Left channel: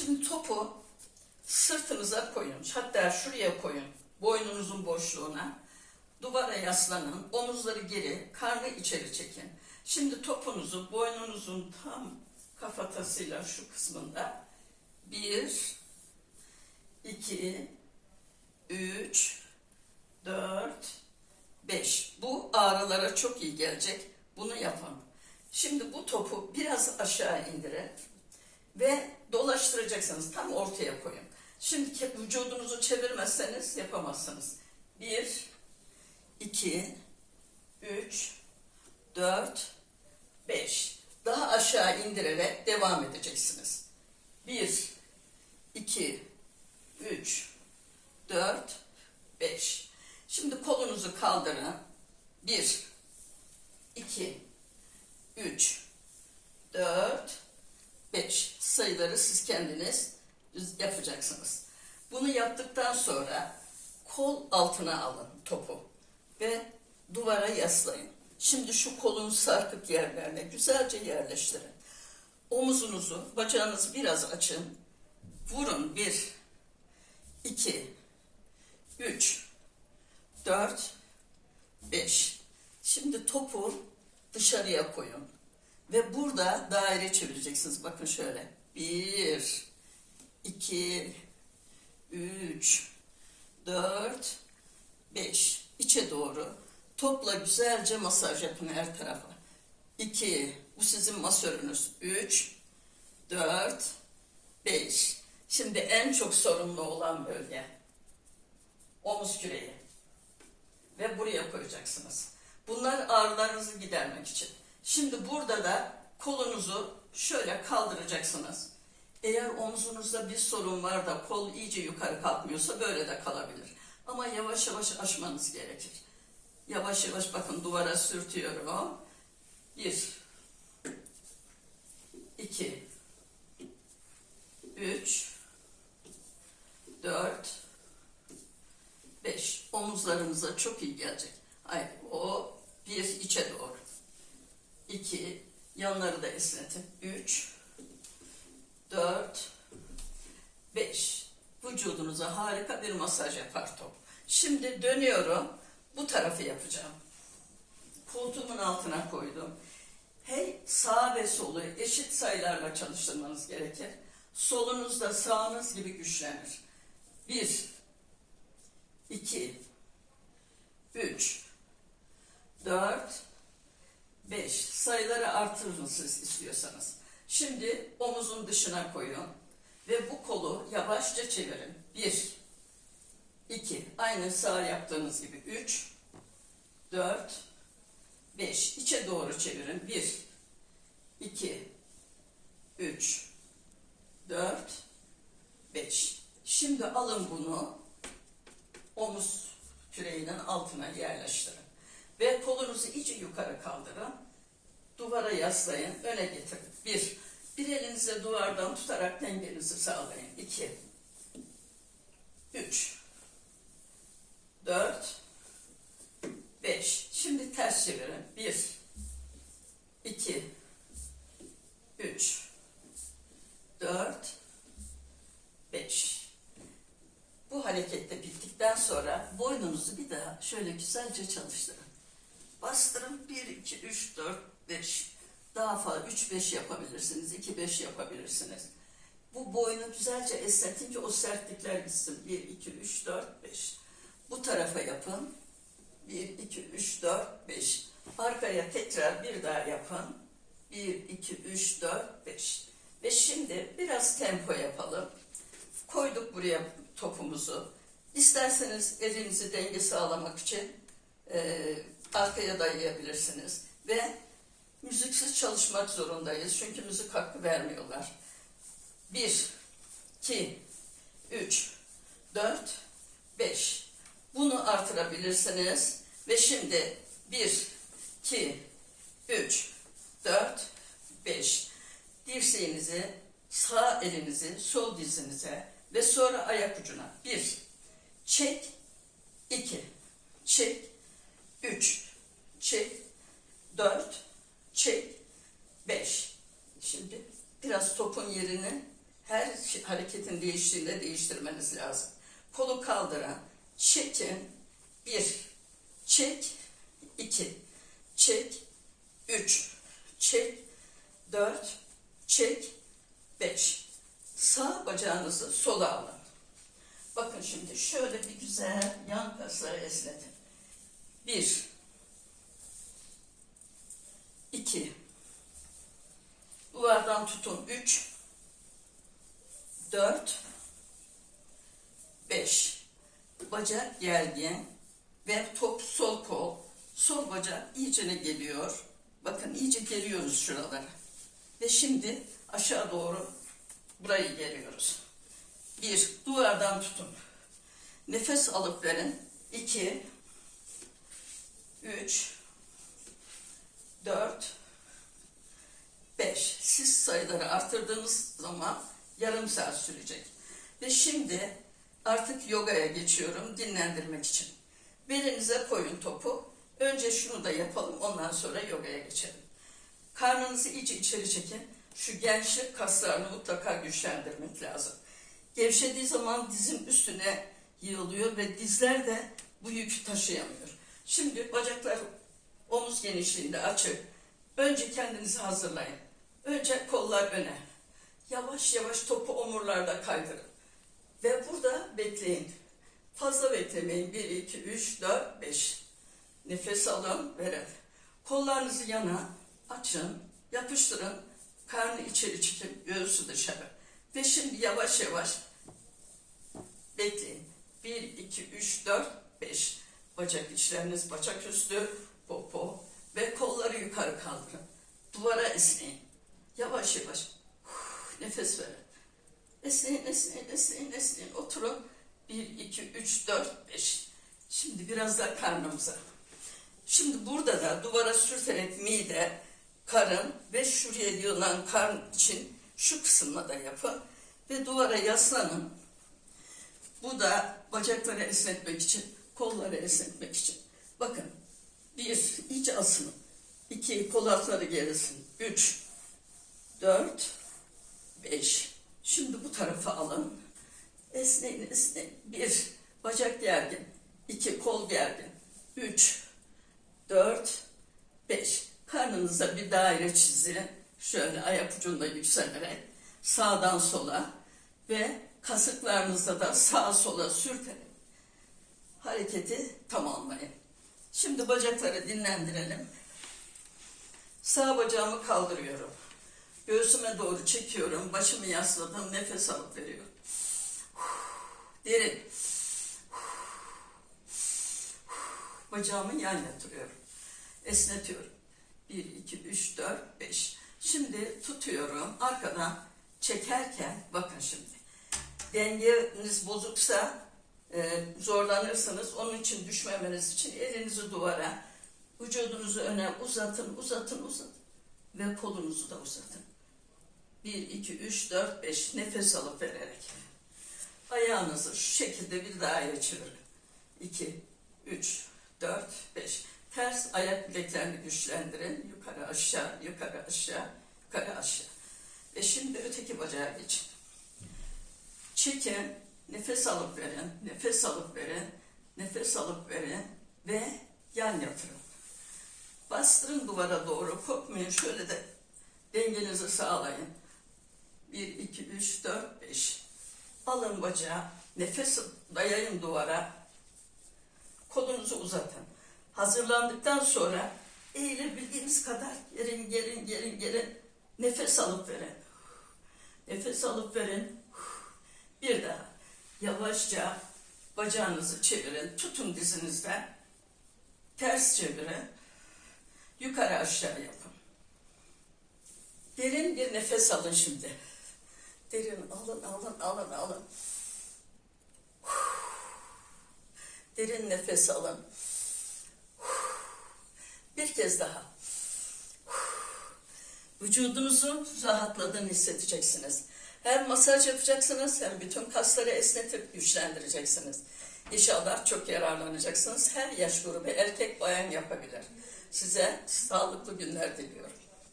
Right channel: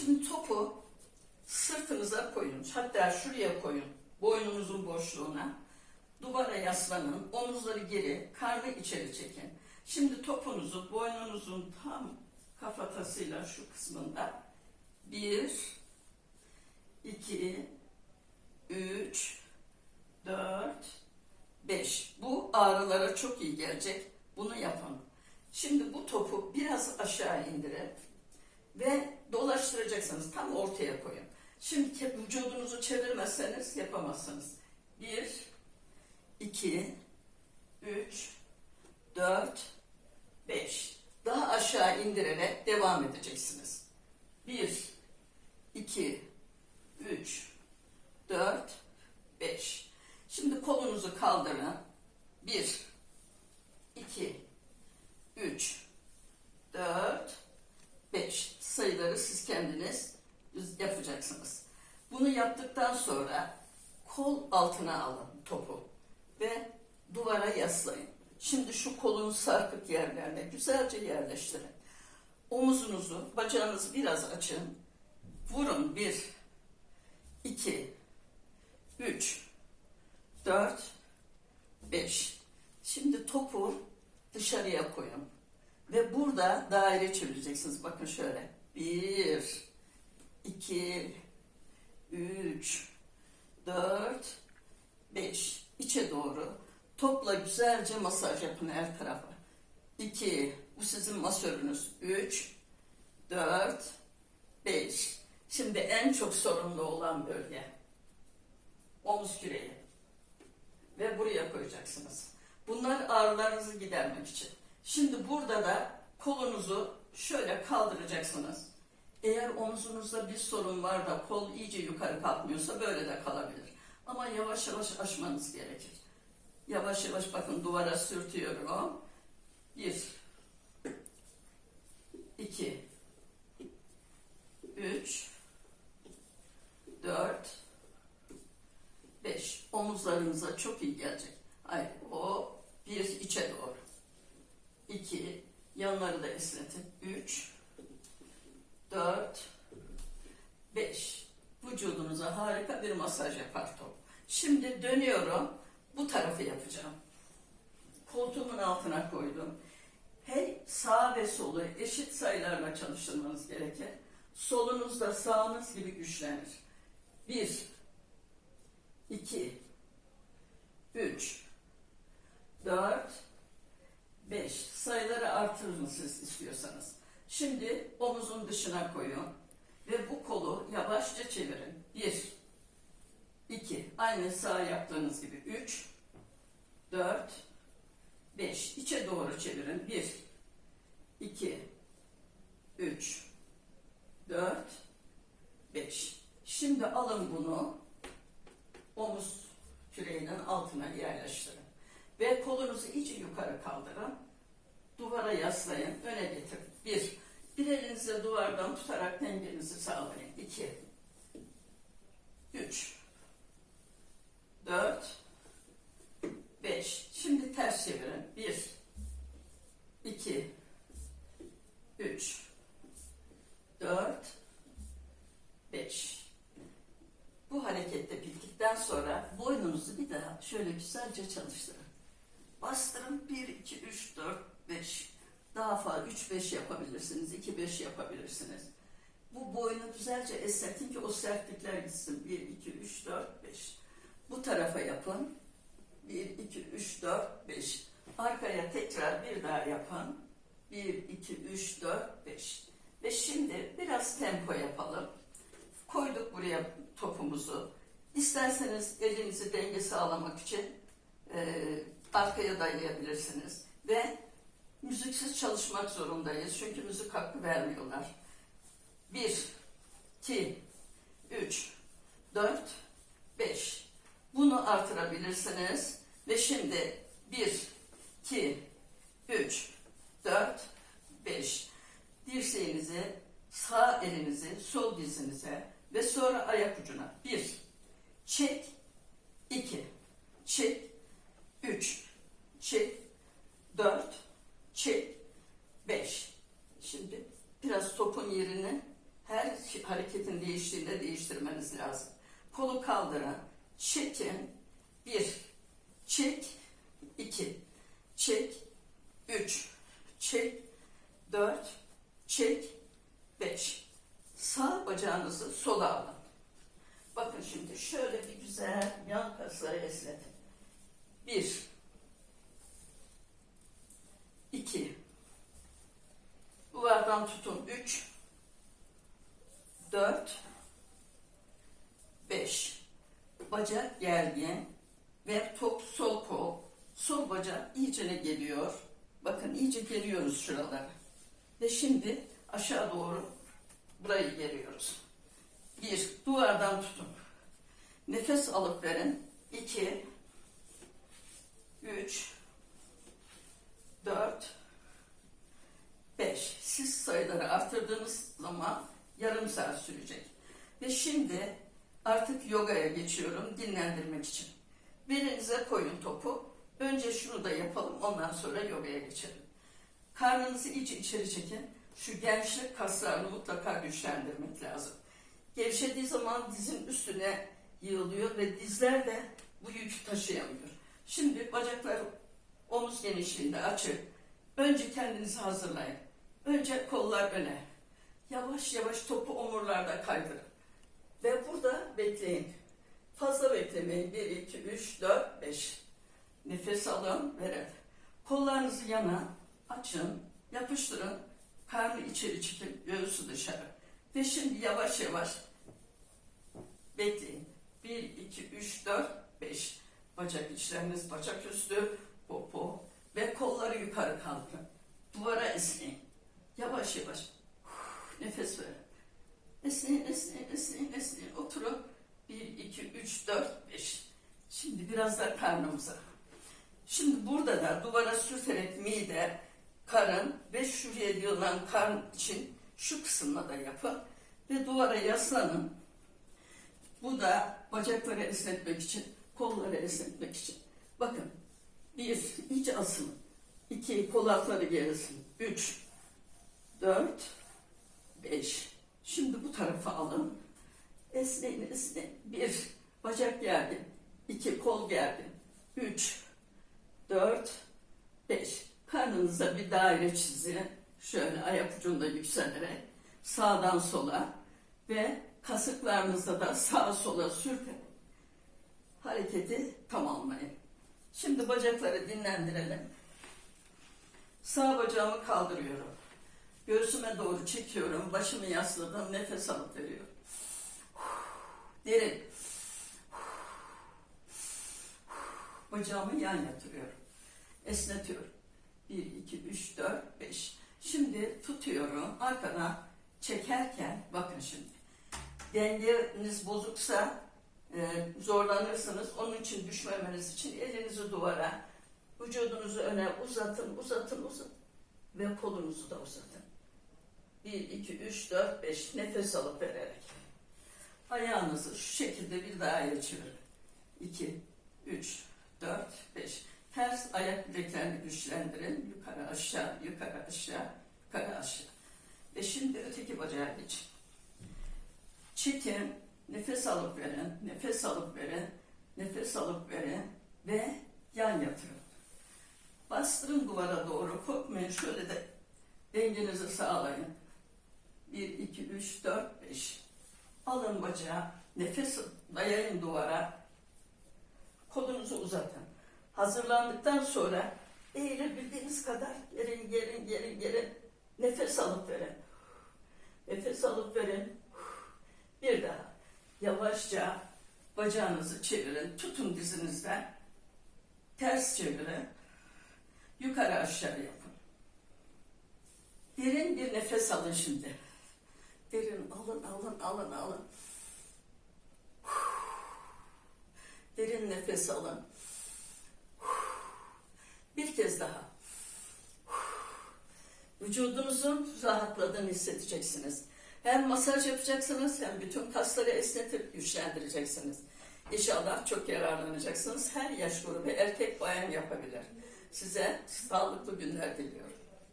Şimdi topu sırtınıza koyun. Hatta şuraya koyun. Boynunuzun boşluğuna. Duvara yaslanın. Omuzları geri, karnı içeri çekin. Şimdi topunuzu boynunuzun tam kafatasıyla şu kısmında bir, iki, üç, dört, beş. Bu ağrılara çok iyi gelecek. Bunu yapın. Şimdi bu topu biraz aşağı indirin ve dolaştıracaksınız. Tam ortaya koyun. Şimdi vücudunuzu çevirmezseniz yapamazsınız. Bir, iki, üç, dört, beş. Daha aşağı indirerek devam edeceksiniz. Bir, iki, üç, dört, beş. Şimdi kolunuzu kaldırın. Bir, iki, üç, dört, 5 sayıları siz kendiniz yapacaksınız. Bunu yaptıktan sonra kol altına alın topu ve duvara yaslayın. Şimdi şu kolun sarkık yerlerine güzelce yerleştirin. Omuzunuzu, bacağınızı biraz açın. Vurun. 1, 2, 3, 4, 5. Şimdi topu dışarıya koyun. Ve burada daire çevireceksiniz. Bakın şöyle. Bir, iki, üç, dört, beş. İçe doğru. Topla güzelce masaj yapın her tarafa. İki, bu sizin masörünüz. Üç, dört, beş. Şimdi en çok sorunlu olan bölge. Omuz küreği. Ve buraya koyacaksınız. Bunlar ağrılarınızı gidermek için. Şimdi burada da kolunuzu şöyle kaldıracaksınız. Eğer omzunuzda bir sorun var da kol iyice yukarı kalkmıyorsa böyle de kalabilir. Ama yavaş yavaş aşmanız gerekir. Yavaş yavaş bakın duvara sürtüyorum. Bir, iki, üç, dört, beş. Omuzlarınıza çok iyi gelecek. Hayır, o bir içe doğru. 2, yanları da esnetin. 3, 4, 5. Vücudunuza harika bir masaj yapar top. Şimdi dönüyorum. Bu tarafı yapacağım. Koltuğumun altına koydum. Hey sağ ve solu eşit sayılarla çalıştırmanız gerekir. Solunuz da sağınız gibi güçlenir. 1, 2, 3, 4, 5. Sayıları artırın siz istiyorsanız. Şimdi omuzun dışına koyun. Ve bu kolu yavaşça çevirin. 1, 2. Aynı sağ yaptığınız gibi. 3, 4, 5. İçe doğru çevirin. 1, 2, 3, 4, 5. Şimdi alın bunu omuz küreğinin altına yerleştirin. Ve kolunuzu iyice yukarı kaldırın. Duvara yaslayın, öne getirin. Bir, bir elinize duvardan tutarak dengenizi sağlayın. İki, üç, dört, beş. Şimdi ters çevirin. Bir, iki, üç, dört, beş. Bu harekette bittikten sonra boynunuzu bir daha şöyle güzelce çalıştırın. Bastırın 1, 2, 3, 4, 5. Daha fazla 3, 5 yapabilirsiniz. 2, 5 yapabilirsiniz. Bu boynu güzelce esnetin ki o sertlikler gitsin. 1, 2, 3, 4, 5. Bu tarafa yapın. 1, 2, 3, 4, 5. Arkaya tekrar bir daha yapın. 1, 2, 3, 4, 5. Ve şimdi biraz tempo yapalım. Koyduk buraya topumuzu. İsterseniz elinizi denge sağlamak için e, arkaya dayayabilirsiniz. Ve müziksiz çalışmak zorundayız. Çünkü müzik hakkı vermiyorlar. 1, 2, 3, 4, 5. Bunu artırabilirsiniz. Ve şimdi 1, 2, 3, 4, 5. Dirseğinizi, sağ elinizi sol dizinize ve sonra ayak ucuna. 1, çek, 2, çek, 3, çek, 4, çek, 5. Şimdi biraz topun yerini her hareketin değiştiğinde değiştirmeniz lazım. Kolu kaldırın, çekin, bir, çek, iki, çek, üç, çek, dört, çek, beş. Sağ bacağınızı sola alın. Bakın şimdi şöyle bir güzel yan kasları esnetin. Bir, iki, duvardan tutun. Üç, dört, beş. Bacak gergin ve top sol kol, sol bacak iyicene geliyor. Bakın iyice geliyoruz şuralara. Ve şimdi aşağı doğru burayı geliyoruz. Bir, duvardan tutun. Nefes alıp verin. İki, üç, dört, beş. Siz sayıları arttırdığınız zaman yarım saat sürecek. Ve şimdi artık yogaya geçiyorum dinlendirmek için. Belinize koyun topu. Önce şunu da yapalım ondan sonra yogaya geçelim. Karnınızı iyice içeri çekin. Şu gençlik kaslarını mutlaka güçlendirmek lazım. Gevşediği zaman dizin üstüne yığılıyor ve dizler de bu yükü taşıyamıyor. Şimdi bacaklar omuz genişliğinde açık. Önce kendinizi hazırlayın. Önce kollar öne. Yavaş yavaş topu omurlarda kaydırın. Ve burada bekleyin. Fazla beklemeyin. 1, 2, 3, 4, 5. Nefes alın, verin. Kollarınızı yana açın, yapıştırın. Karnı içeri çekin, göğsü dışarı. Ve şimdi yavaş yavaş bekleyin. 1, 2, 3, 4, 5. Bacak içleriniz, bacak üstü, popo ve kolları yukarı kaldırın. Duvara esneyin. Yavaş yavaş. Uf, Nefes verin. Esneyin, esneyin, esneyin, esneyin. Oturun. 1, 2, 3, 4, 5. Şimdi biraz da karnımıza. Şimdi burada da duvara sürterek mide, karın ve şuraya diyorlar karn için şu kısımla da yapın. Ve duvara yaslanın. Bu da bacakları esnetmek için, kolları esnetmek için. Bakın. Bir, iyice asılın. İki, kol altları gerisin. Üç, dört, beş. Şimdi bu tarafa alın. Esneyin, esneyin. Bir, bacak gergin. İki, kol gergin. Üç, dört, beş. Karnınıza bir daire çizin. Şöyle ayak ucunda yükselerek sağdan sola ve kasıklarınızda da sağa sola sürterek hareketi tamamlayın. Şimdi bacakları dinlendirelim. Sağ bacağımı kaldırıyorum. Göğsüme doğru çekiyorum. Başımı yasladım. Nefes alıp veriyorum. Derin. Bacağımı yan yatırıyorum. Esnetiyorum. 1, 2, 3, 4, 5. Şimdi tutuyorum. Arkadan çekerken bakın şimdi. Dengeniz bozuksa e, zorlanırsınız. Onun için düşmemeniz için elinizi duvara, vücudunuzu öne uzatın, uzatın, uzatın. Ve kolunuzu da uzatın. 1, 2, 3, 4, 5 nefes alıp vererek. Ayağınızı şu şekilde bir daire çevirin. 2, 3, 4, 5. Ters ayak bileklerini güçlendirin. Yukarı aşağı, yukarı aşağı, yukarı aşağı. Ve şimdi öteki bacağa geçin. Çekin, nefes alıp verin, nefes alıp verin, nefes alıp verin ve yan yatırın. Bastırın duvara doğru, korkmayın şöyle de dengenizi sağlayın. 1, 2, 3, 4, 5. Alın bacağı, nefes dayayın duvara. Kolunuzu uzatın. Hazırlandıktan sonra eğilebildiğiniz kadar gerin, gerin, gerin, gerin. Nefes alıp verin. Nefes alıp verin. Bir daha. Yavaşça bacağınızı çevirin. Tutun dizinizden. Ters çevirin. Yukarı aşağı yapın. Derin bir nefes alın şimdi. Derin alın, alın, alın, alın. Derin nefes alın. Bir kez daha. Vücudunuzun rahatladığını hissedeceksiniz. Hem masaj yapacaksınız hem bütün kasları esnetip güçlendireceksiniz. İnşallah çok yararlanacaksınız. Her yaş grubu erkek bayan yapabilir. Size sağlıklı günler diliyorum.